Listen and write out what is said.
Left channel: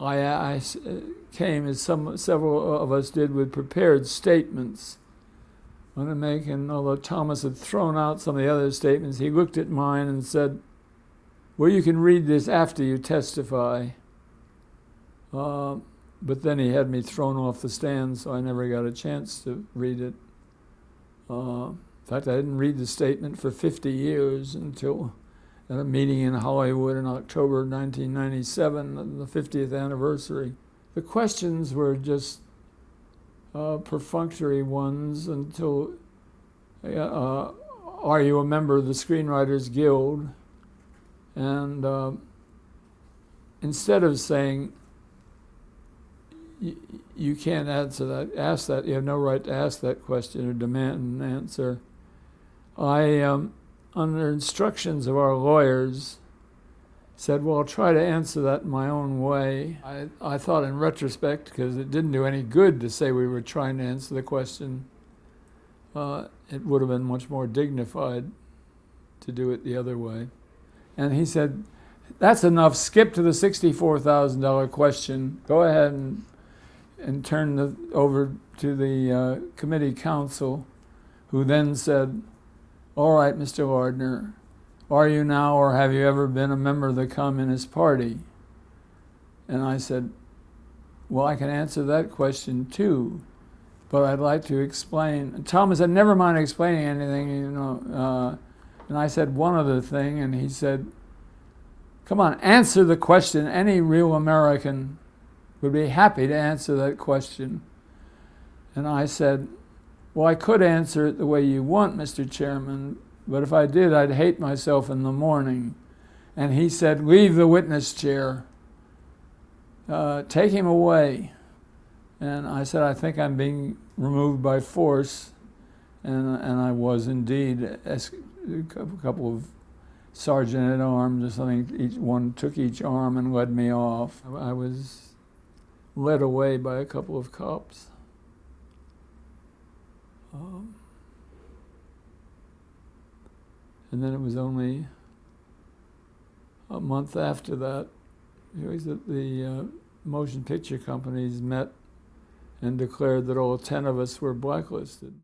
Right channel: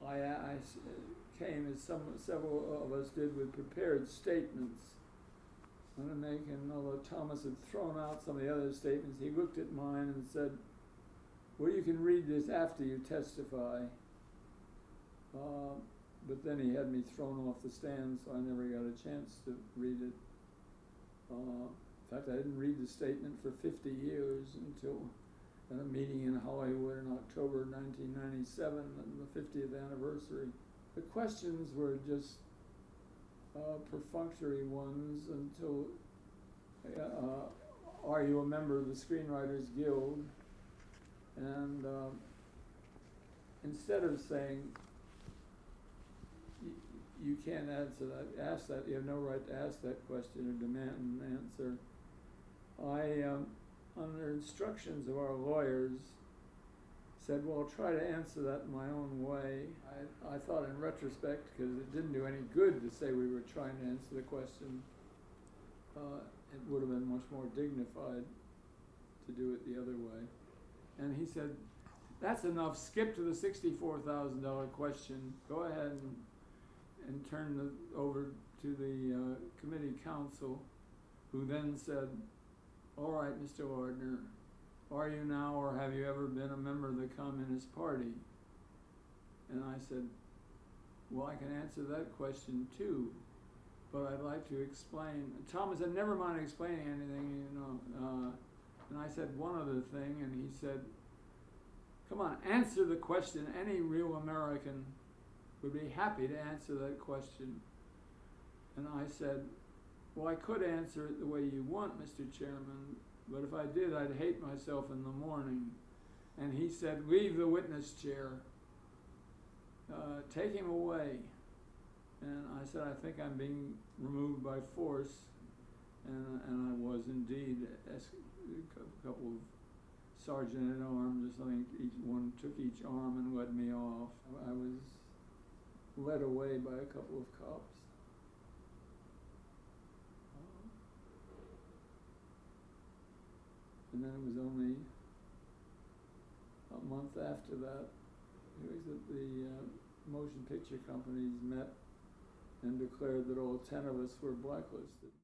I came, as several of us did, with prepared statements. And although Thomas had thrown out some of the other statements, he looked at mine and said, well, you can read this after you testify. But then he had me thrown off the stand, so I never got a chance to read it. In fact, I didn't read the statement for 50 years until at a meeting in Hollywood in October 1997, the 50th anniversary. The questions were just perfunctory ones until, are you a member of the Screenwriters Guild? And instead of saying, you can't ask that, you have no right to ask that question or demand an answer, I, under instructions of our lawyers, said, well, I'll try to answer that in my own way. I thought in retrospect, because it didn't do any good to say we were trying to answer the question, it would have been much more dignified to do it the other way. And he said, that's enough, skip to the $64,000 question, go ahead and turn over to the committee counsel, who then said, all right, Mr. Lardner, are you now or have you ever been a member of the Communist Party? And I said, well, I can answer that question too, but I'd like to explain. And Thomas said, never mind explaining anything, you know. And I said one other thing, and he said, come on, answer the question. Any real American would be happy to answer that question. And I said, well, I could answer it the way you want, Mr. Chairman, but if I did, I'd hate myself in the morning. And he said, leave the witness chair. Take him away. And I said, I think I'm being removed by force. And I was indeed. A couple of sergeant-at-arms or something, one took each arm and led me off. I was led away by a couple of cops. And then it was only a month after that, the motion picture companies met and declared that all 10 of us were blacklisted.